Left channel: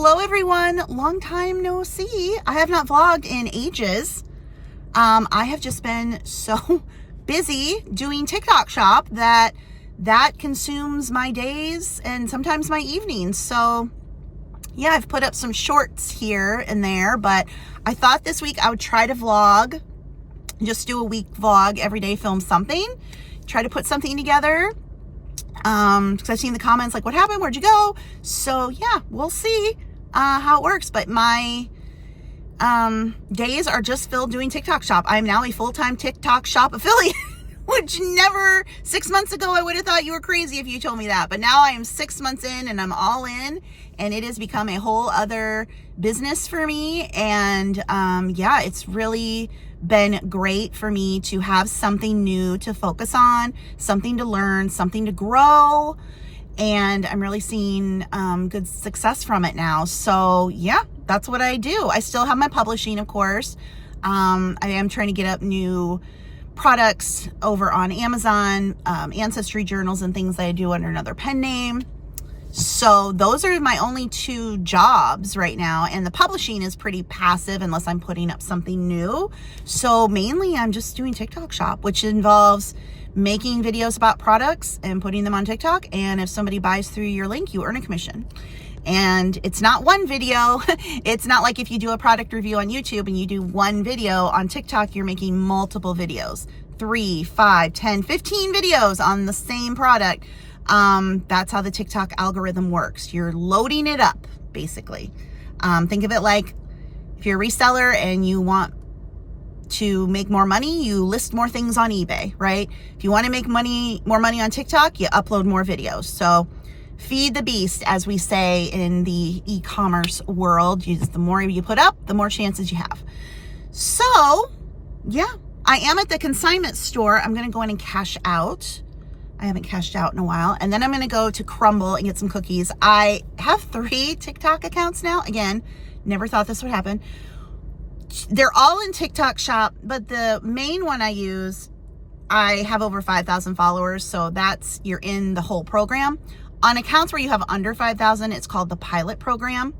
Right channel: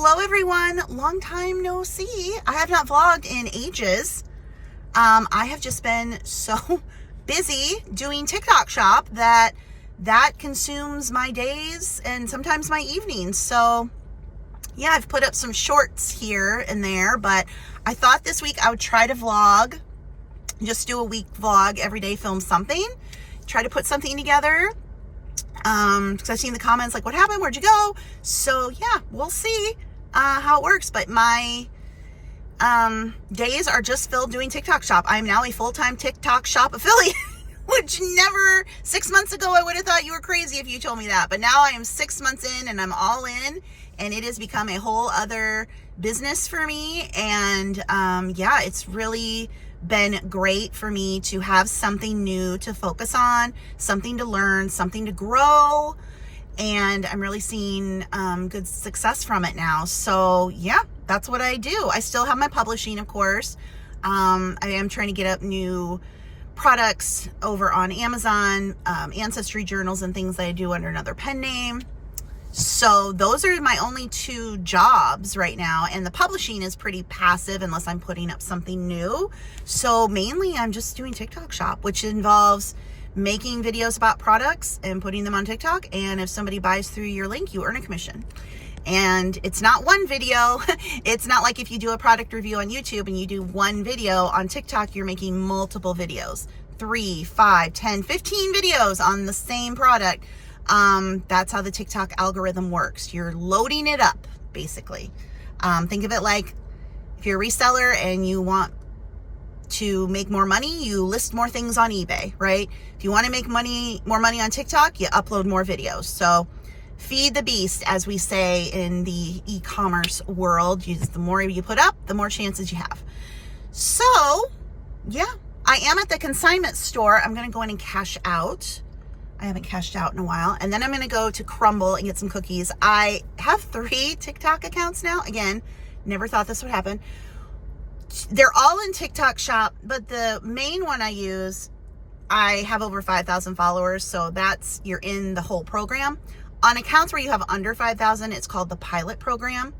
Hello everyone, long time no see. I have not vlogged in ages. I have just been so busy doing TikTok shop that consumes my days and sometimes my evenings. So yeah, I've put up some shorts here and there, but I thought this week I would try to vlog, just do a week vlog, every day film something, try to put something together. Because I've seen the comments like, what happened? Where'd you go? So yeah, we'll see how it works. But my days are just filled doing TikTok shop. I'm now a full-time TikTok shop affiliate, which never 6 months ago, I would have thought you were crazy if you told me that. But now I am 6 months in and I'm all in, and it has become a whole other business for me. And yeah, it's really been great for me to have something new to focus on, something to learn, something to grow, and I'm really seeing good success from it now. So yeah, that's what I do. I still have my publishing, of course. I am trying to get up new products over on Amazon, ancestry journals and things that I do under another pen name. So those are my only two jobs right now, and the publishing is pretty passive unless I'm putting up something new. So mainly I'm just doing TikTok shop, which involves making videos about products and putting them on TikTok, and if somebody buys through your link, you earn a commission. And it's not one video. It's not like if you do a product review on YouTube and you do one video on TikTok, you're making multiple videos, 3, 5, 10, 15 videos on the same product. That's how the TikTok algorithm works. You're loading it up, basically. Think of it like if you're a reseller and you want to make more money, you list more things on eBay, right? If you want to make more money on TikTok, you upload more videos. So feed the beast, as we say in the e-commerce world. The more you put up, the more chances you have. So yeah, I am at the consignment store. I'm going to go in and cash out. I haven't cashed out in a while. And then I'm going to go to Crumbl and get some cookies. I have 3 TikTok accounts now. Again, never thought this would happen. They're all in TikTok shop, but the main one I use, I have over 5,000 followers. So you're in the whole program. On accounts where you have under 5,000, it's called the pilot program.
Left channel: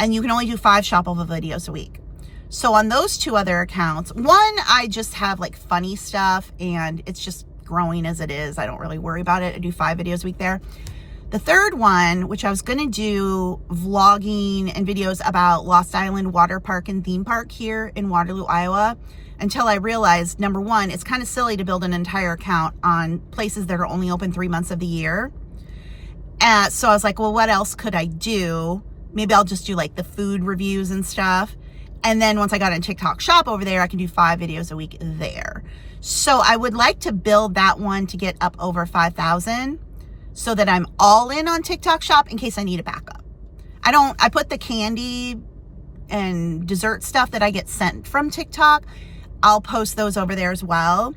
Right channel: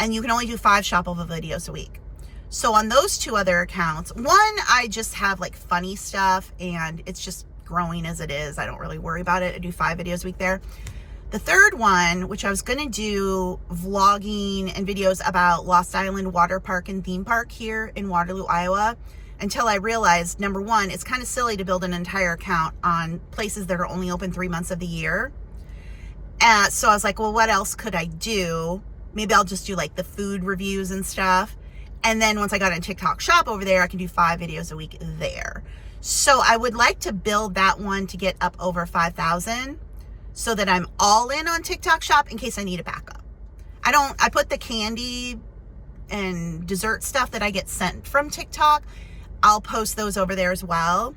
And you can only do 5 shoppable videos a week. So on those 2 other accounts, one, I just have like funny stuff and it's just growing as it is. I don't really worry about it. I do 5 videos a week there. The third one, which I was going to do vlogging and videos about Lost Island Water Park and Theme Park here in Waterloo, Iowa, until I realized, number one, it's kind of silly to build an entire account on places that are only open 3 months of the year. So I was like, well, what else could I do? Maybe I'll just do like the food reviews and stuff. And then once I got in TikTok shop over there, I can do 5 videos a week there. So I would like to build that one to get up over 5,000 so that I'm all in on TikTok shop in case I need a backup. I put the candy and dessert stuff that I get sent from TikTok. I'll post those over there as well.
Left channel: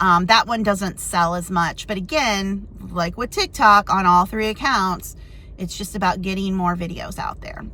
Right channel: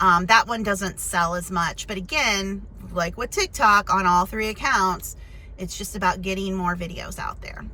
That one doesn't sell as much, but again, like with TikTok on all 3 accounts, it's just about getting more videos out there.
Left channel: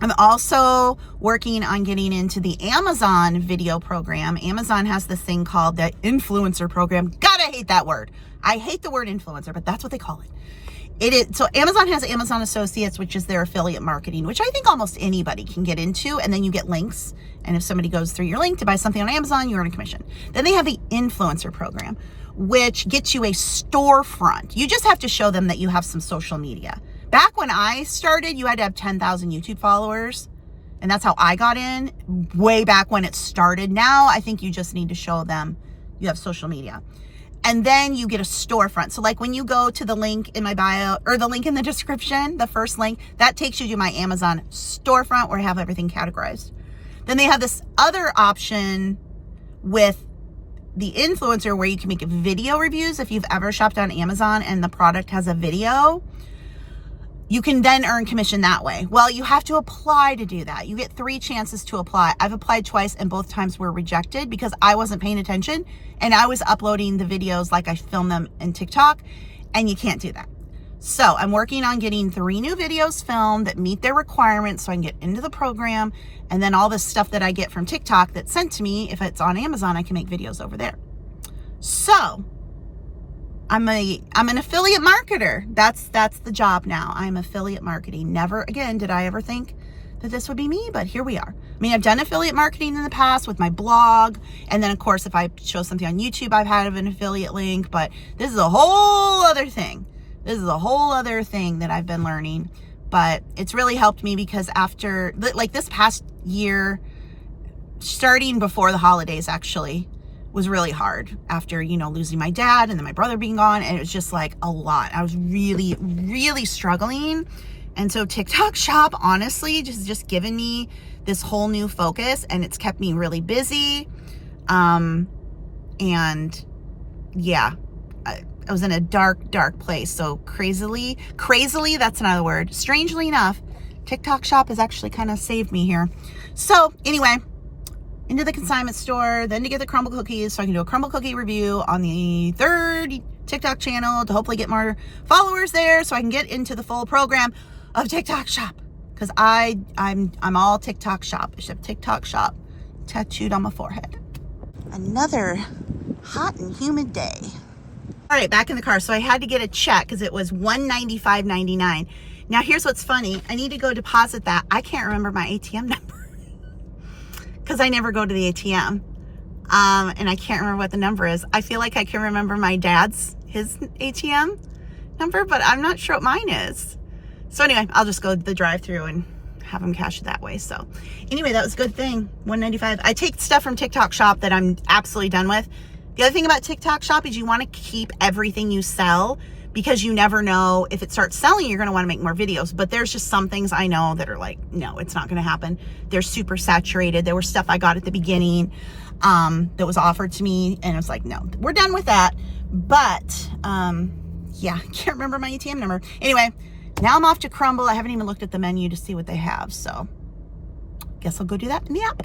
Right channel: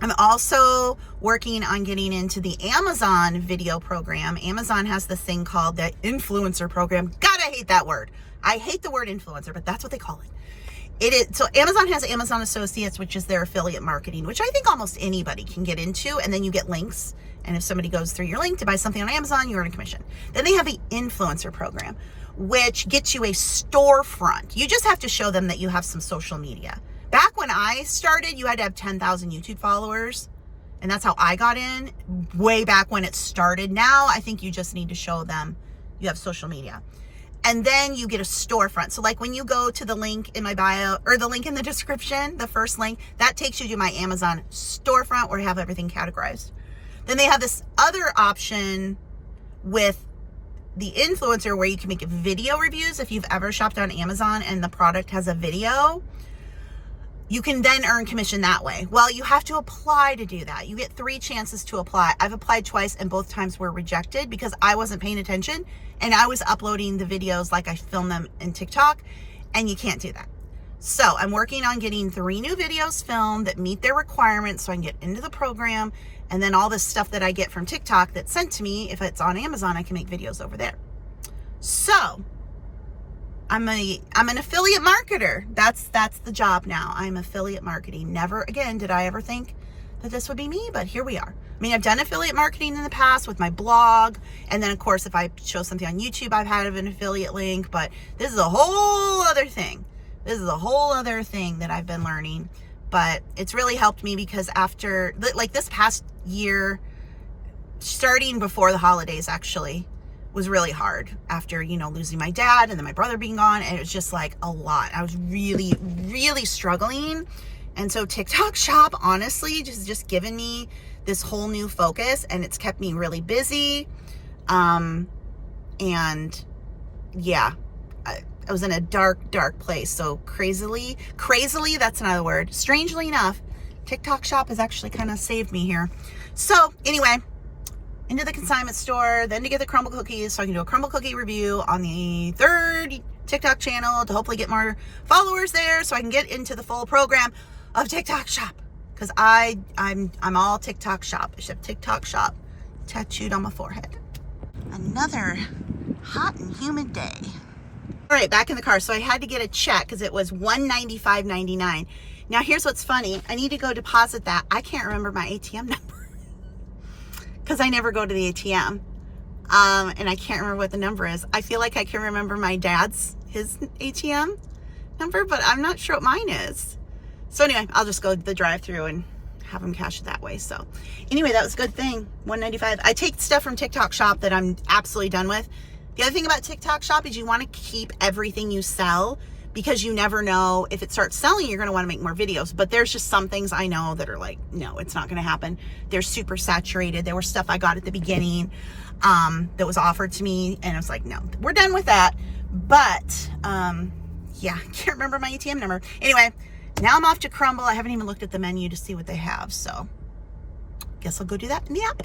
I'm also working on getting into the Amazon video program. Amazon has this thing called the influencer program. God, I hate that word. I hate the word influencer, but that's what they call it. So Amazon has Amazon Associates, which is their affiliate marketing, which I think almost anybody can get into. And then you get links. And if somebody goes through your link to buy something on Amazon, you earn a commission. Then they have the influencer program, which gets you a storefront. You just have to show them that you have some social media. Back when I started, you had to have 10,000 YouTube followers, and that's how I got in way back when it started. Now, I think you just need to show them you have social media. And then you get a storefront. So like when you go to the link in my bio or the link in the description, the first link, that takes you to my Amazon storefront where I have everything categorized. Then they have this other option with the influencer where you can make video reviews. If you've ever shopped on Amazon and the product has a video, you can then earn commission that way. Well, you have to apply to do that. You get 3 chances to apply. I've applied twice and both times were rejected because I wasn't paying attention and I was uploading the videos like I filmed them in TikTok, and you can't do that. So I'm working on getting 3 new videos filmed that meet their requirements so I can get into the program, and then all this stuff that I get from TikTok that's sent to me, if it's on Amazon, I can make videos over there. So I'm an affiliate marketer. That's the job now. I'm affiliate marketing. Never again did I ever think that this would be me, but here we are. I mean, I've done affiliate marketing in the past with my blog, and then of course if I show something on YouTube, I've had an affiliate link, but this is a whole other thing. This is a whole other thing that I've been learning, but it's really helped me because after, like, this past year, starting before the holidays actually, was really hard after, you know, losing my dad and then my brother being gone, and it was just like a lot. I was really, really struggling. And so TikTok Shop, honestly, just given me this whole new focus, and it's kept me really busy. And yeah, I was in a dark, dark place. So crazily, that's another word. Strangely enough, TikTok Shop has actually kind of saved me here. So anyway, into the consignment store, then to get the crumble cookies so I can do a crumble cookie review on the 3rd TikTok channel to hopefully get more followers there so I can get into the full program of TikTok Shop, because I'm all TikTok Shop. I should have TikTok Shop tattooed on my forehead. Another hot and humid day. All right, back in the car. So I had to get a check because it was $195.99. Now here's what's funny. I need to go deposit that. I can't remember my ATM number because I never go to the ATM. And I can't remember what the number is. I feel like I can remember my dad's, his ATM number, but I'm not sure what mine is. So anyway, I'll just go to the drive-thru and have them cash it that way. So anyway, that was a good thing. $195. I take stuff from TikTok Shop that I'm absolutely done with. The other thing about TikTok Shop is you want to keep everything you sell, because you never know if it starts selling, you're going to want to make more videos. But there's just some things I know that are like, no, it's not going to happen. They're super saturated. There was stuff I got at the beginning that was offered to me, and I was like, no, we're done with that. But yeah, can't remember my ATM number. Anyway, now I'm off to Crumbl. I haven't even looked at the menu to see what they have, so guess I'll go do that in the app.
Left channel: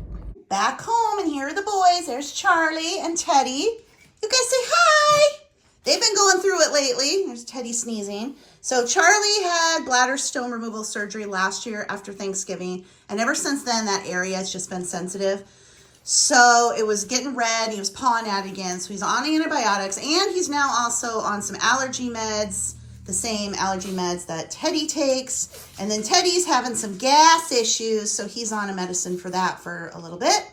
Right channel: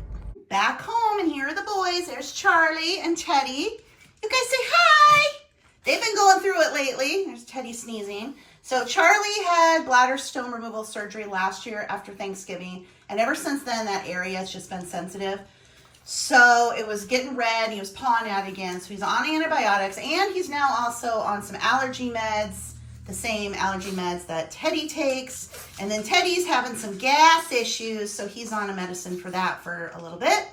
Back home, and here are the boys. There's Charlie and Teddy. You guys say hi. They've been going through it lately. There's Teddy sneezing. So Charlie had bladder stone removal surgery last year after Thanksgiving, and ever since then that area has just been sensitive. So it was getting red. He was pawing at it again. So he's on antibiotics, and he's now also on some allergy meds, the same allergy meds that Teddy takes. And then Teddy's having some gas issues, so he's on a medicine for that for a little bit.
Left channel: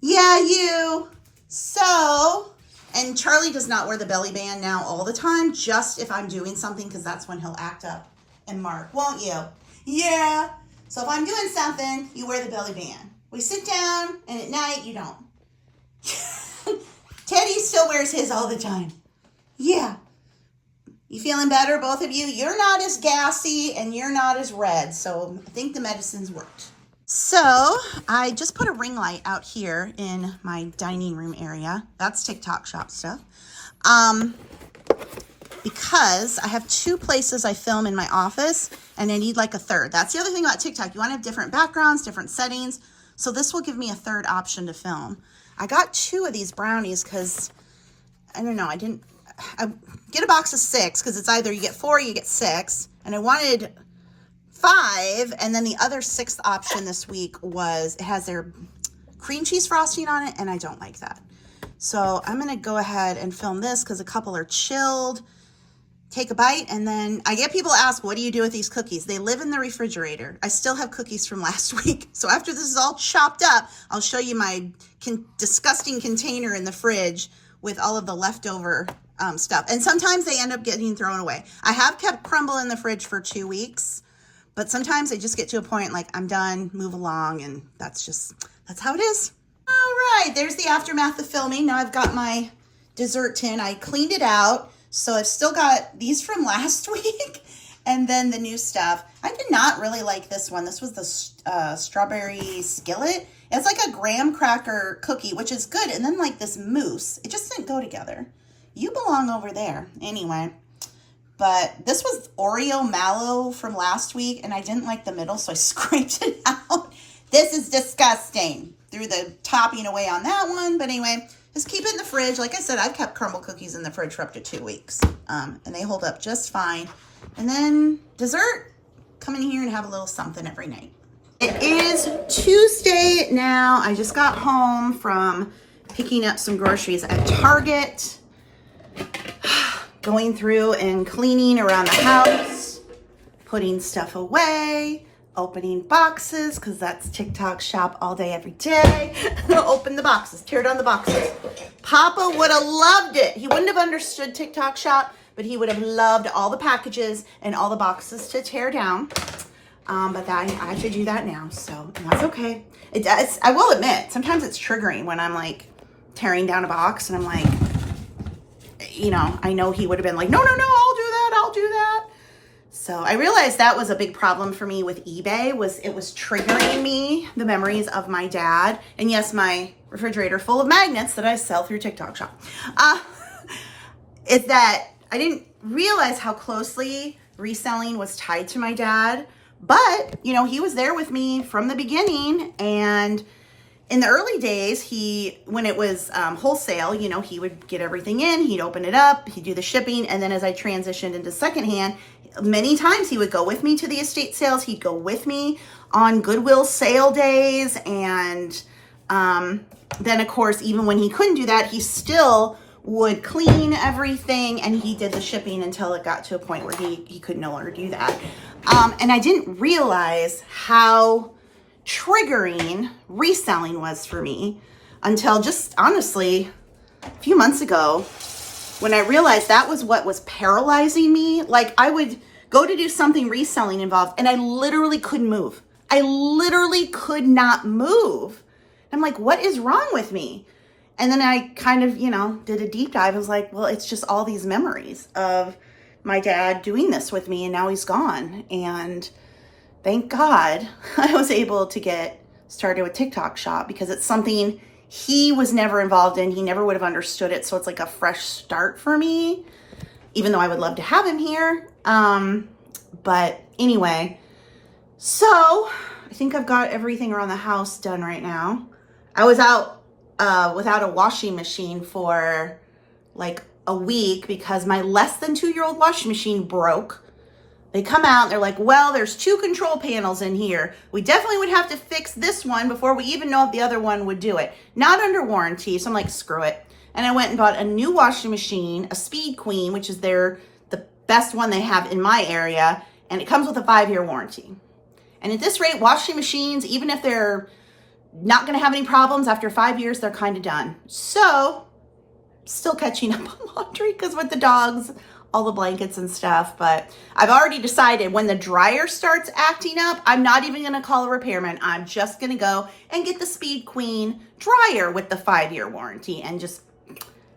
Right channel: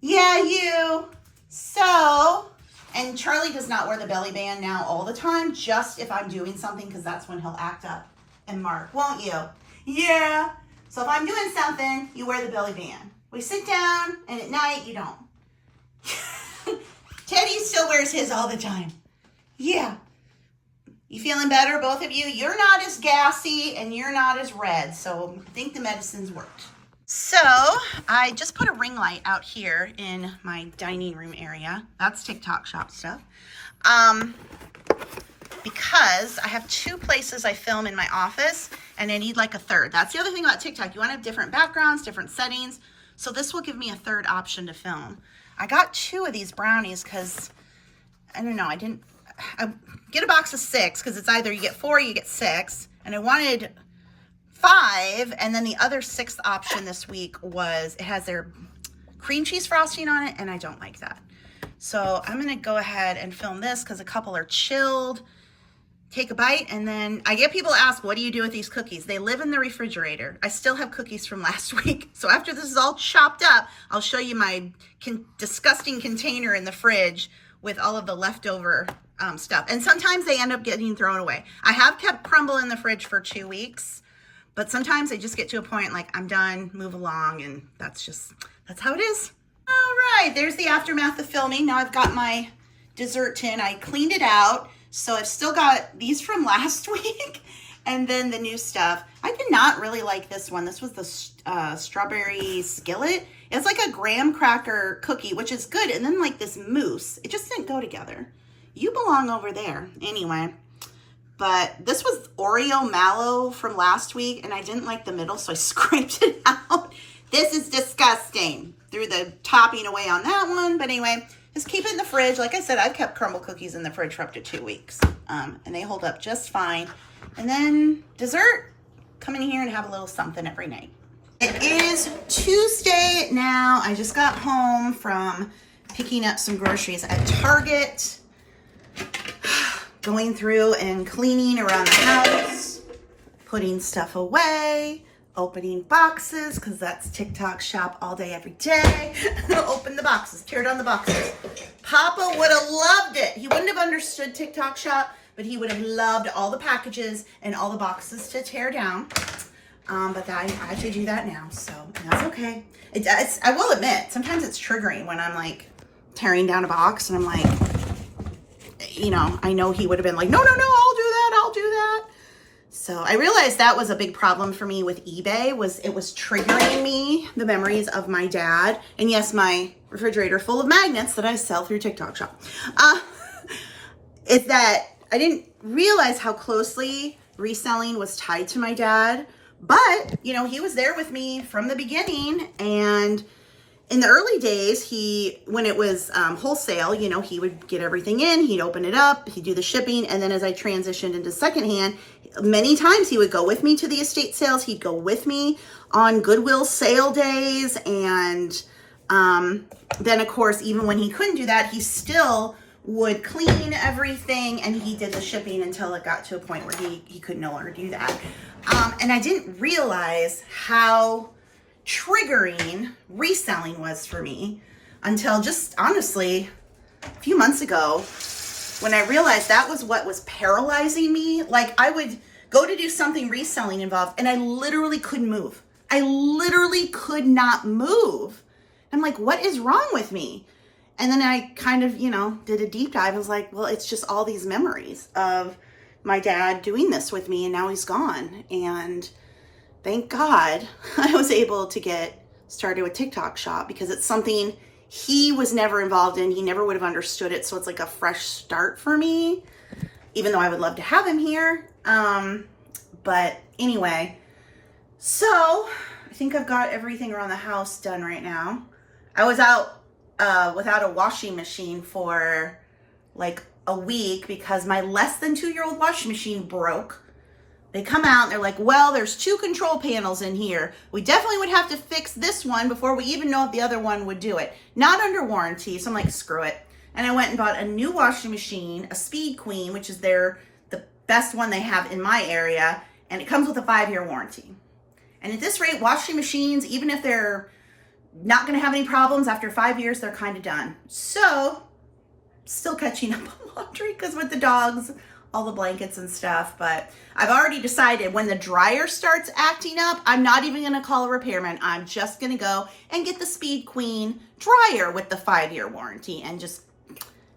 Yeah, you. So, and Charlie does not wear the belly band now all the time, just if I'm doing something, because that's when he'll act up and mark, won't you? Yeah. So if I'm doing something, you wear the belly band. We sit down, and at night, you don't. Teddy still wears his all the time. Yeah. You feeling better, both of you? You're not as gassy and you're not as red, so I think the medicines worked. So I just put a ring light out here in my dining room area. That's TikTok Shop stuff. Because I have 2 places I film in my office, and I need like a 3rd. That's the other thing about TikTok. You want to have different backgrounds, different settings. So this will give me a 3rd option to film. I got 2 of these brownies because, I don't know, I get a box of 6 because it's either you get 4 or you get 6. And I wanted 5. And then the other 6th option this week was, it has their cream cheese frosting on it, and I don't like that. So I'm going to go ahead and film this because a couple are chilled. Take a bite, and then I get people ask, what do you do with these cookies? They live in the refrigerator. I still have cookies from last week. So after this is all chopped up, I'll show you my disgusting container in the fridge with all of the leftover stuff. And sometimes they end up getting thrown away. I have kept Crumbl in the fridge for 2 weeks, but sometimes they just get to a point like, I'm done, move along, and that's how it is. All right, there's the aftermath of filming. Now I've got my dessert tin. I cleaned it out. So I've still got these from last week, and then the new stuff. I did not really like this one. This was the strawberry skillet. It's like a graham cracker cookie, which is good. And then like this mousse, it just didn't go together. You belong over there anyway. But this was Oreo mallow from last week, and I didn't like the middle, so I scraped it out. This is disgusting. Threw the topping away on that one, but anyway, just keep it in the fridge. Like I said, I've kept Crumbl cookies in the fridge for up to 2 weeks, and they hold up just fine. And then dessert, come in here and have a little something every night. It is Tuesday now. I just got home from picking up some groceries at Target. going through and cleaning around the house, putting stuff away, opening boxes, because that's TikTok shop all day, every day. Open the boxes, tear down the boxes. Papa would have loved it. He wouldn't have understood TikTok shop, but he would have loved all the packages and all the boxes to tear down. But I have to do that now, so that's okay. I will admit, sometimes it's triggering when I'm like tearing down a box and I'm like, you know, I know he would have been like, no, I'll do that. So I realized that was a big problem for me with eBay, was it was triggering me the memories of my dad. And yes, my refrigerator full of magnets that I sell through TikTok shop. It's that I didn't realize how closely reselling was tied to my dad. But, you know, he was there with me from the beginning. And in the early days, when it was wholesale, you know, he would get everything in, he'd open it up, he'd do the shipping. And then as I transitioned into secondhand, many times he would go with me to the estate sales. He'd go with me on Goodwill sale days. And then, of course, even when he couldn't do that, he still would clean everything, and he did the shipping until it got to a point where he could no longer do that. And I didn't realize how triggering reselling was for me until just honestly a few months ago, when I realized that was what was paralyzing me. Like, I would go to do something reselling involved and I literally couldn't move. I literally could not move. I'm like, what is wrong with me? And then I kind of, you know, did a deep dive. I was like, well, it's just all these memories of my dad doing this with me, and now he's gone. And thank God I was able to get started with TikTok shop, because it's something he was never involved in. He never would have understood it. So it's like a fresh start for me, even though I would love to have him here. But anyway, so I think I've got everything around the house done right now. I was out without a washing machine for like a week because my less than 2-year-old washing machine broke. They come out and they're like, well, there's 2 control panels in here. We definitely would have to fix this one before we even know if the other one would do it. Not under warranty. So I'm like, screw it. And I went and bought a new washing machine, a Speed Queen, which is the best one they have in my area. And it comes with a 5-year warranty. And at this rate, washing machines, even if they're not going to have any problems after 5 years, they're kind of done. So still catching up on laundry because with the dogs, all the blankets and stuff. But I've already decided when the dryer starts acting up, I'm not even going to call a repairman. I'm just going to go and get the Speed Queen dryer with the 5-year warranty and just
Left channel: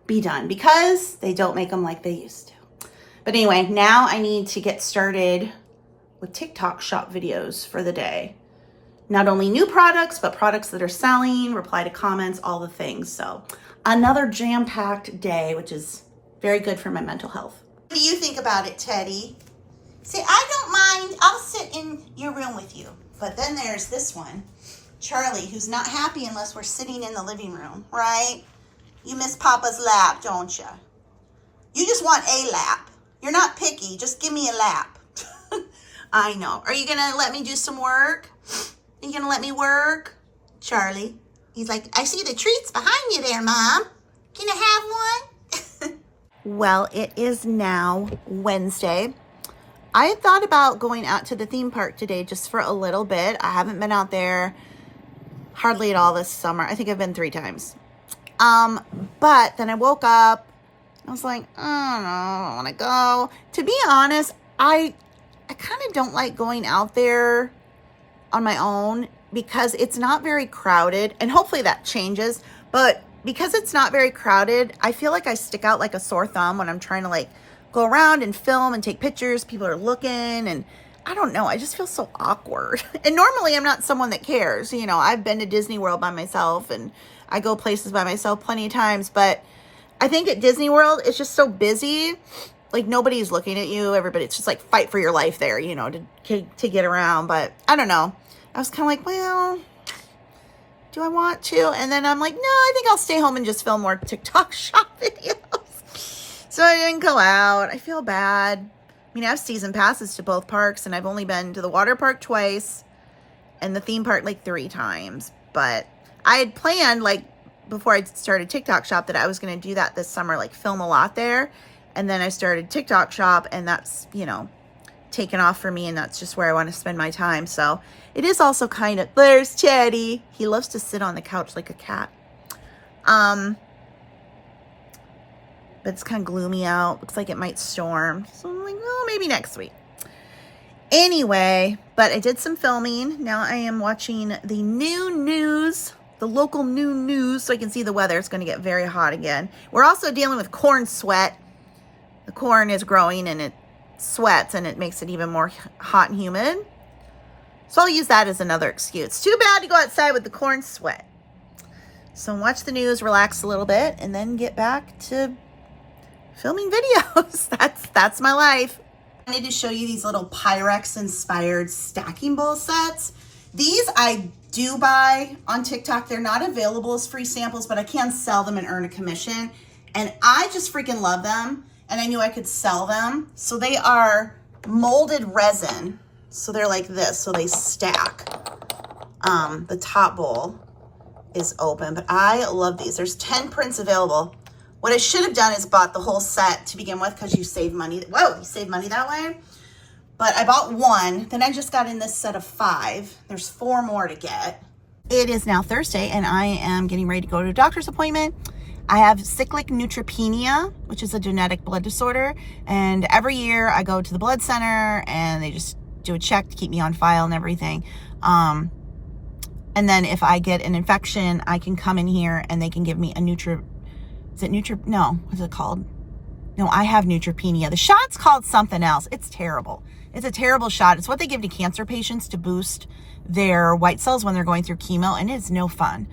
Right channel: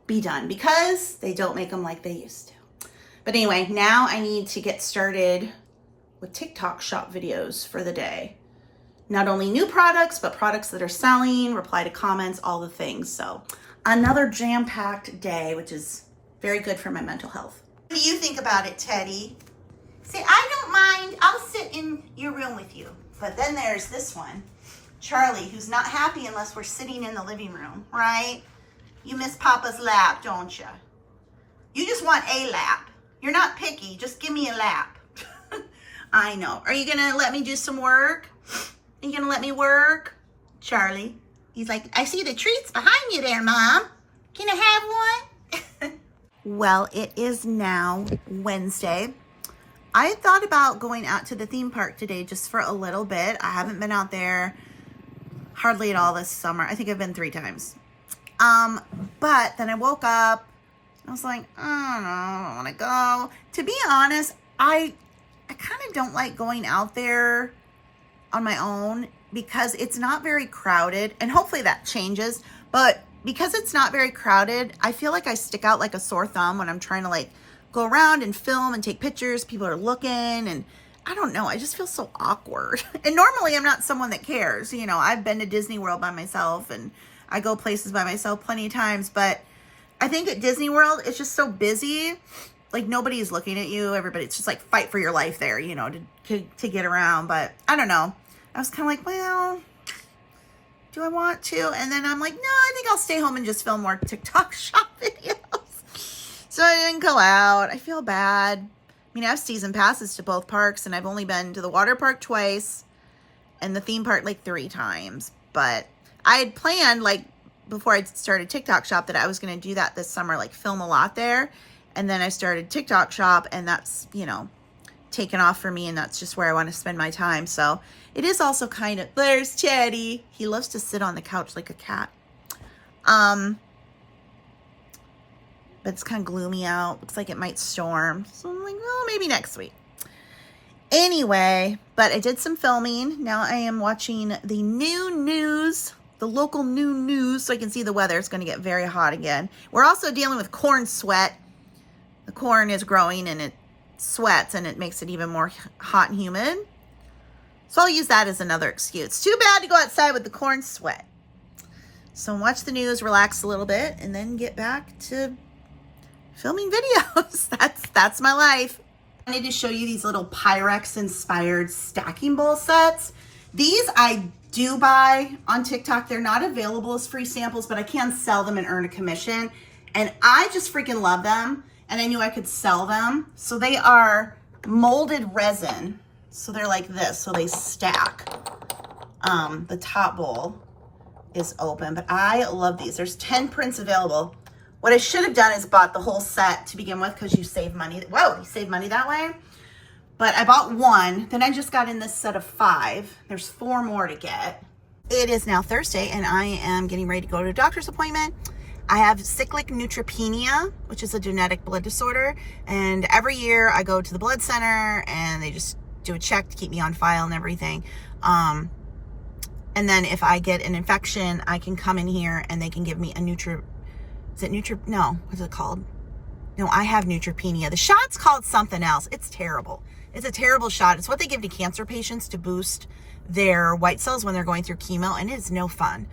be done, because they don't make them like they used to. But anyway, now I need to get started with TikTok shop videos for the day. Not only new products, but products that are selling, reply to comments, all the things. So another jam-packed day, which is very good for my mental health. What do you think about it, Teddy? See, I don't mind. I'll sit in your room with you. But then there's this one, Charlie, who's not happy unless we're sitting in the living room, right? You miss Papa's lap, don't you? You just want a lap. You're not picky. Just give me a lap. I know. Are you going to let me do some work? Are you going to let me work? Charlie. He's like, I see the treats behind you there, Mom. Can I have one? Well, it is now Wednesday. I had thought about going out to the theme park today just for a little bit. I haven't been out there hardly at all this summer. I think I've been 3 times. But then I woke up. I was like, I don't know, I don't want to go. To be honest, I kind of don't like going out there on my own because it's not very crowded, and hopefully that changes. But because it's not very crowded, I feel like I stick out like a sore thumb when I'm trying to like go around and film and take pictures. People are looking, and I don't know, I just feel so awkward. And normally I'm not someone that cares. You know, I've been to Disney World by myself and I go places by myself plenty of times, but I think at Disney World, it's just so busy. Like, nobody's looking at you. It's just like fight for your life there, you know, to get around. But I don't know. I was kind of like, well, do I want to? And then I'm like, no, I think I'll stay home and just film more TikTok shop videos. So I didn't go out. I feel bad. I mean, I have season passes to both parks, and I've only been to the water park twice and the theme park like 3 times. But I had planned, like, before I started TikTok shop, that I was going to do that this summer, like film a lot there. And then I started TikTok Shop, and that's, you know, taken off for me, and that's just where I want to spend my time. So it is also kind of, there's Chatty. He loves to sit on the couch like a cat. But it's kind of gloomy out. Looks like it might storm. So I'm like, well, maybe next week. Anyway, but I did some filming. Now I am watching the new news, the local new news, so I can see the weather. It's going to get very hot again. We're also dealing with corn sweat. The corn is growing and it sweats, and it makes it even more hot and humid. So I'll use that as another excuse. Too bad to go outside with the corn sweat. So watch the news, relax a little bit, and then get back to filming videos. That's my life. I need to show you these little Pyrex inspired stacking bowl sets. These I do buy on TikTok. They're not available as free samples, but I can sell them and earn a commission. And I just freaking love them. And I knew I could sell them. So they are molded resin. So they're like this, so they stack. The top bowl is open, but I love these. There's 10 prints available. What I should have done is bought the whole set to begin with, because you save money. Whoa, you save money that way. But I bought one, then I just got in this set of 5. There's 4 more to get. It is now Thursday, and I am getting ready to go to a doctor's appointment. I have cyclic neutropenia, which is a genetic blood disorder. And every year I go to the blood center, and they just do a check to keep me on file and everything. And then if I get an infection, I can come in here and they can give me a no, what's it called? No, I have neutropenia. The shot's called something else. It's terrible. It's a terrible shot. It's what they give to cancer patients to boost their white cells when they're going through chemo, and it's no fun.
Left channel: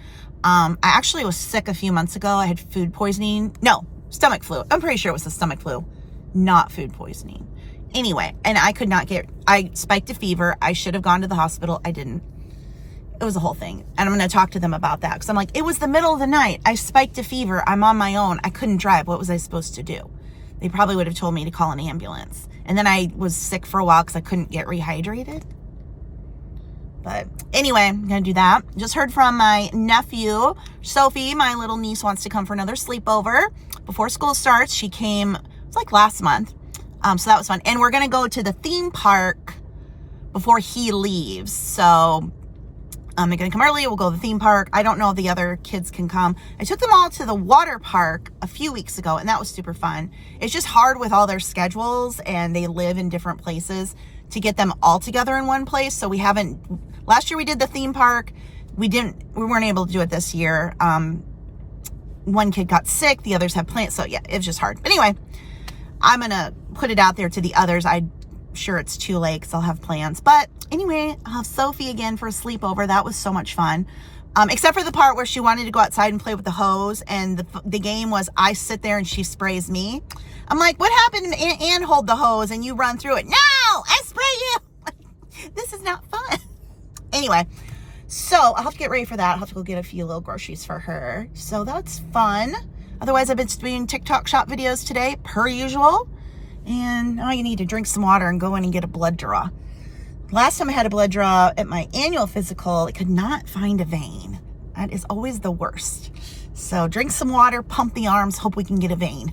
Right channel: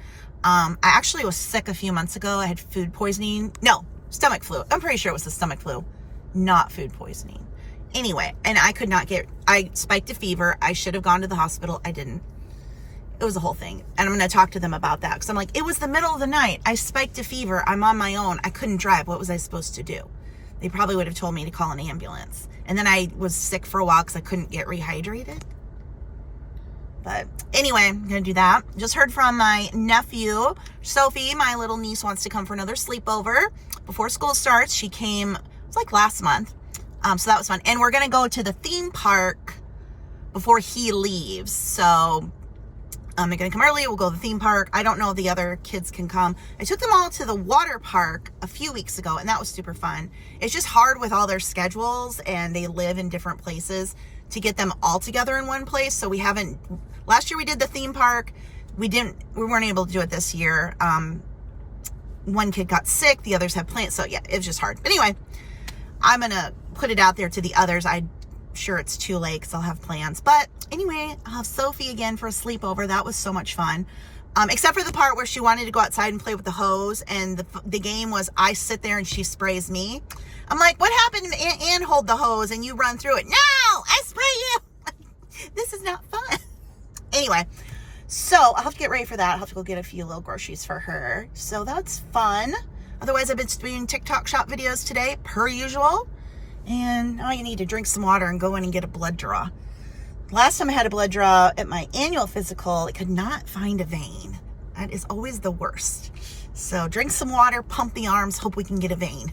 I actually was sick a few months ago. I had food poisoning. No, stomach flu. I'm pretty sure it was the stomach flu, not food poisoning. Anyway, and I spiked a fever. I should have gone to the hospital. I didn't. It was a whole thing. And I'm going to talk to them about that, because I'm like, it was the middle of the night. I spiked a fever. I'm on my own. I couldn't drive. What was I supposed to do? They probably would have told me to call an ambulance. And then I was sick for a while because I couldn't get rehydrated. But anyway, I'm going to do that. Just heard from my nephew, Sophie. My little niece wants to come for another sleepover before school starts. She came, it was like last month. So that was fun. And we're going to go to the theme park before he leaves. So they're going to come early. We'll go to the theme park. I don't know if the other kids can come. I took them all to the water park a few weeks ago, and that was super fun. It's just hard with all their schedules, and they live in different places, to get them all together in one place. So we haven't, last year we did the theme park. We weren't able to do it this year. One kid got sick. The others have plans. So yeah, it was just hard. But anyway, I'm going to put it out there to the others. I'm sure it's too late because I'll have plans. But anyway, I'll have Sophie again for a sleepover. That was so much fun. Except for the part where she wanted to go outside and play with the hose. And the game was I sit there and she sprays me. I'm like, what happened? And hold the hose and you run through it. No, I spray you. This is not fun. Anyway, so I'll have to get ready for that. I'll have to go get a few little groceries for her. So that's fun. Otherwise, I've been doing TikTok shop videos today, per usual. And now you need to drink some water and go in and get a blood draw. Last time I had a blood draw at my annual physical, I could not find a vein. That is always the worst. So drink some water, pump the arms, hope we can get a vein.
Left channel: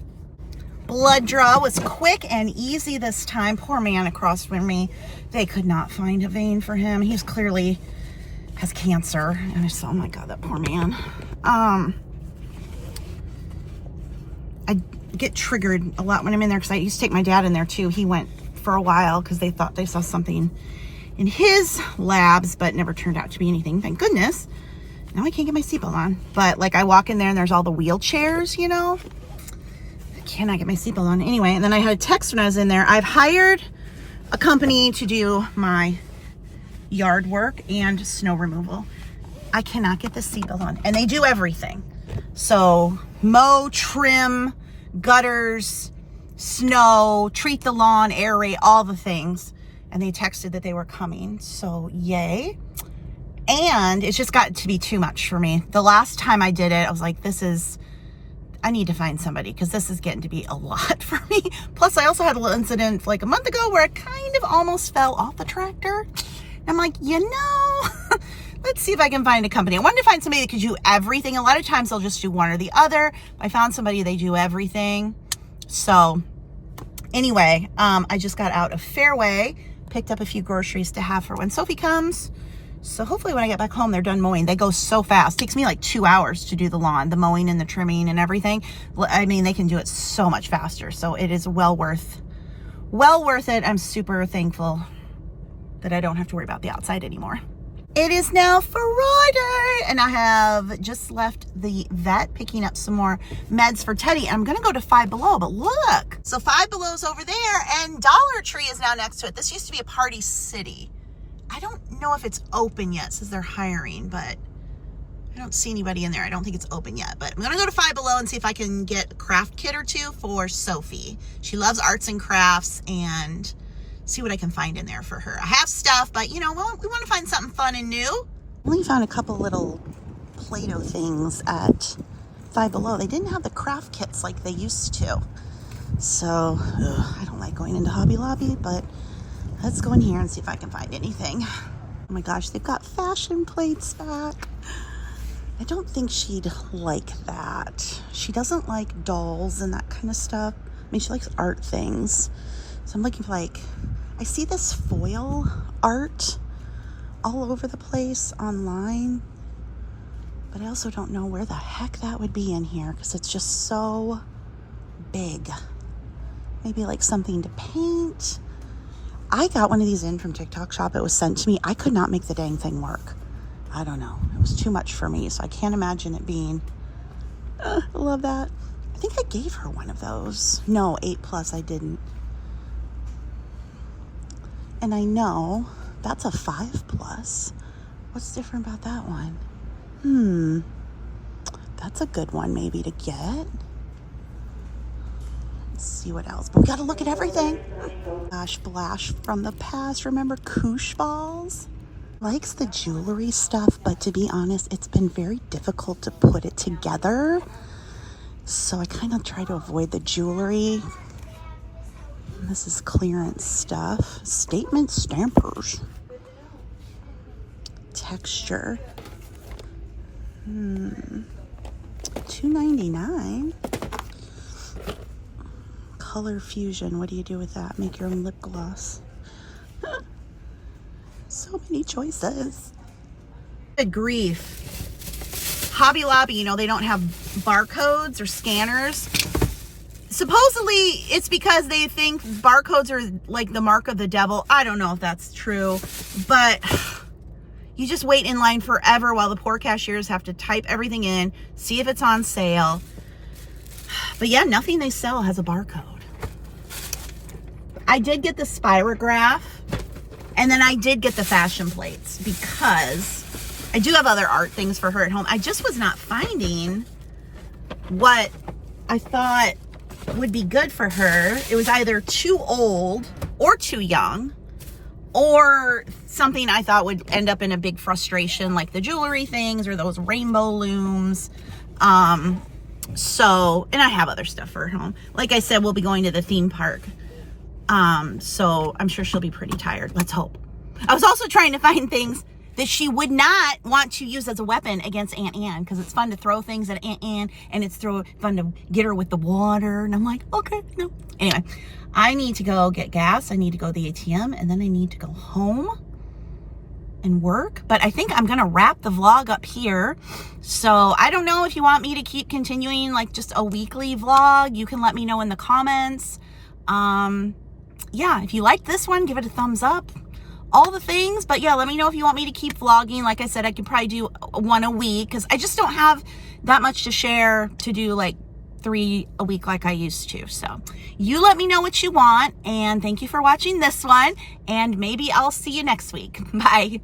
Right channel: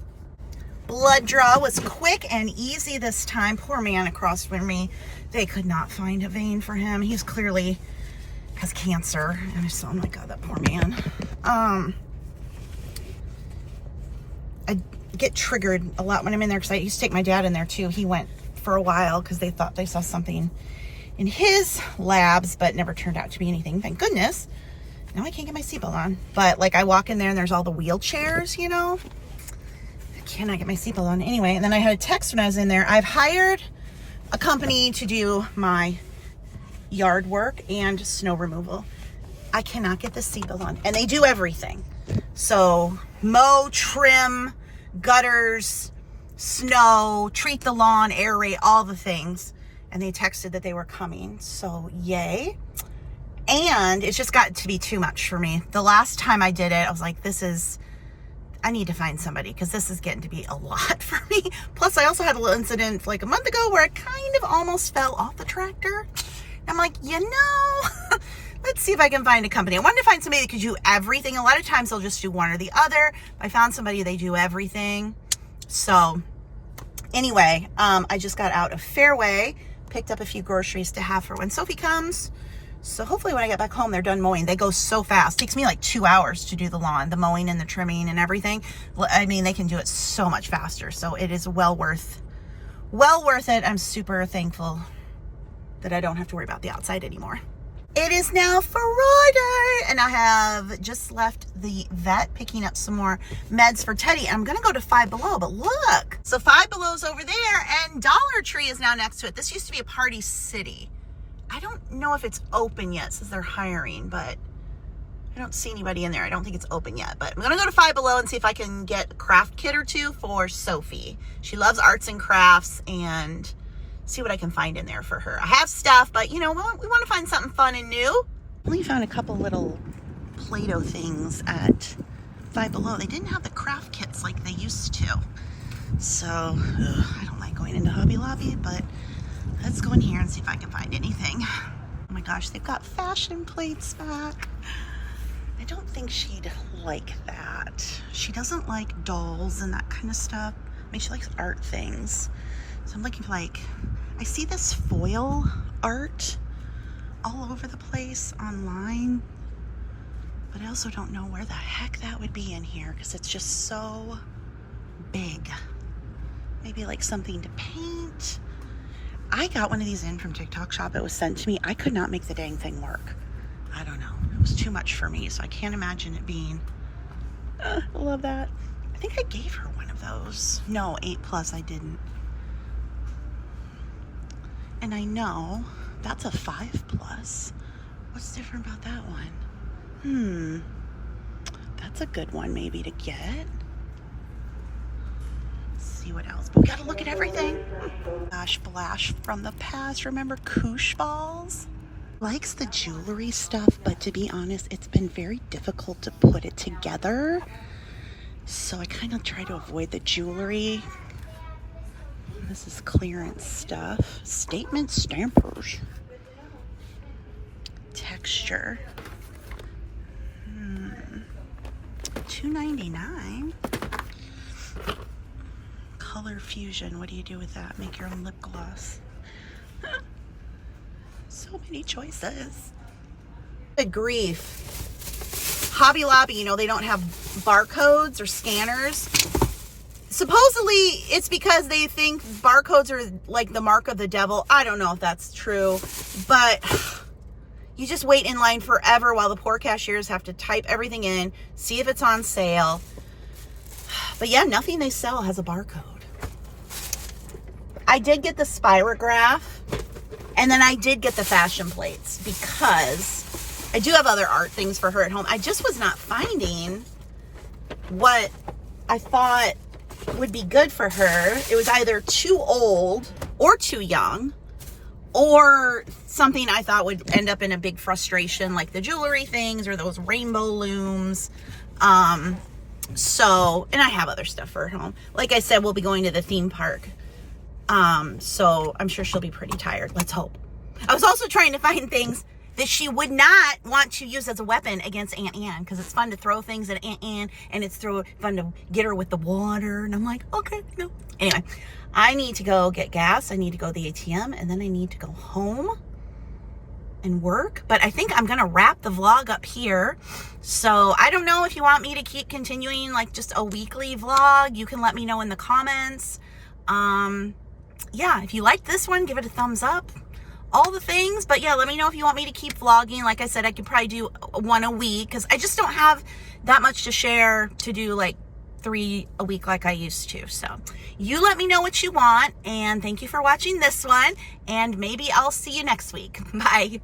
Blood draw was quick and easy this time. Poor man across from me. They could not find a vein for him. He's clearly has cancer. And so, oh my God, that poor man. I get triggered a lot when I'm in there because I used to take my dad in there too. He went for a while because they thought they saw something in his labs, but never turned out to be anything. Thank goodness. Now I can't get my seatbelt on. But like I walk in there and there's all the wheelchairs, you know. I cannot get my seatbelt on. Anyway, and then I had a text when I was in there. I've hired a company to do my yard work and snow removal. I cannot get the seatbelt on. And they do everything. So mow, trim, gutters, snow, treat the lawn, aerate, all the things. And they texted that they were coming. So yay. And it's just got to be too much for me. The last time I did it, I was like, I need to find somebody because this is getting to be a lot for me. Plus, I also had a little incident like a month ago where I kind of almost fell off the tractor. And I'm like, let's see if I can find a company. I wanted to find somebody that could do everything. A lot of times they'll just do one or the other. I found somebody, they do everything. So Anyway, I just got out of Fairway, picked up a few groceries to have for when Sophie comes. So hopefully when I get back home, they're done mowing. They go so fast. It takes me like 2 hours to do the lawn, the mowing and the trimming and everything. I mean, they can do it so much faster. So it is well worth it. I'm super thankful that I don't have to worry about the outside anymore. It is now Friday, and I have just left the vet picking up some more meds for Teddy. I'm going to go to Five Below, but look. So Five Below's over there, and Dollar Tree is now next to it. This used to be a Party City. I don't know if it's open yet since they're hiring, but I don't see anybody in there. I don't think it's open yet, but I'm going to go to Five Below and see if I can get a craft kit or two for Sophie. She loves arts and crafts, and see what I can find in there for her. I have stuff, but you know, we want to find something fun and new. I only found a couple little Play-Doh things at Five Below. They didn't have the craft kits like they used to. So, I don't like going into Hobby Lobby, but let's go in here and see if I can find anything. Oh my gosh, they've got fashion plates back. I don't think she'd like that. She doesn't like dolls and that kind of stuff. I mean, she likes art things. So I'm looking for like, I see this foil art all over the place online, but I also don't know where the heck that would be in here because it's just so big. Maybe like something to paint. I got one of these in from TikTok Shop. It was sent to me. I could not make the dang thing work. I don't know. It was too much for me, so I can't imagine it being, I love that. I think I gave her one of those. No, 8+ I didn't. And I know that's a 5+. What's different about that one? That's a good one maybe to get. Let's see what else. But we gotta look at everything. Gosh, Blash from the past. Remember Koosh balls? Likes the jewelry stuff, but to be honest, it's been very difficult to put it together. So I kind of try to avoid the jewelry. This is clearance stuff. Statement stampers. Texture. $2.99. Color Fusion. What do you do with that? Make your own lip gloss. So many choices. Good grief. Hobby Lobby, you know, they don't have barcodes or scanners. Supposedly, it's because they think barcodes are like the mark of the devil. I don't know if that's true, but you just wait in line forever while the poor cashiers have to type everything in, see if it's on sale. But yeah, nothing they sell has a barcode. I did get the Spirograph, and then I did get the fashion plates because I do have other art things for her at home. I just was not finding what I thought would be good for her. It was either too old or too young, or something I thought would end up in a big frustration, like the jewelry things or those rainbow looms. So, and I have other stuff for her home. Like I said, we'll be going to the theme park. So I'm sure she'll be pretty tired. Let's hope. I was also trying to find things that she would not want to use as a weapon against Aunt Anne, because it's fun to throw things at Aunt Anne, and it's fun to get her with the water. And I'm like, okay, no. Anyway, I need to go get gas. I need to go to the ATM, and then I need to go home and work. But I think I'm going to wrap the vlog up here. So I don't know if you want me to keep continuing like just a weekly vlog. You can let me know in the comments. Yeah, if you like this one, give it a thumbs up. All the things. But yeah, let me know if you want me to keep vlogging. Like I said, I could probably do one a week because I just don't have that much to share to do like 3 a week like I used to. So you let me know what you want, and thank you for watching this one, and maybe I'll see you next week. Bye.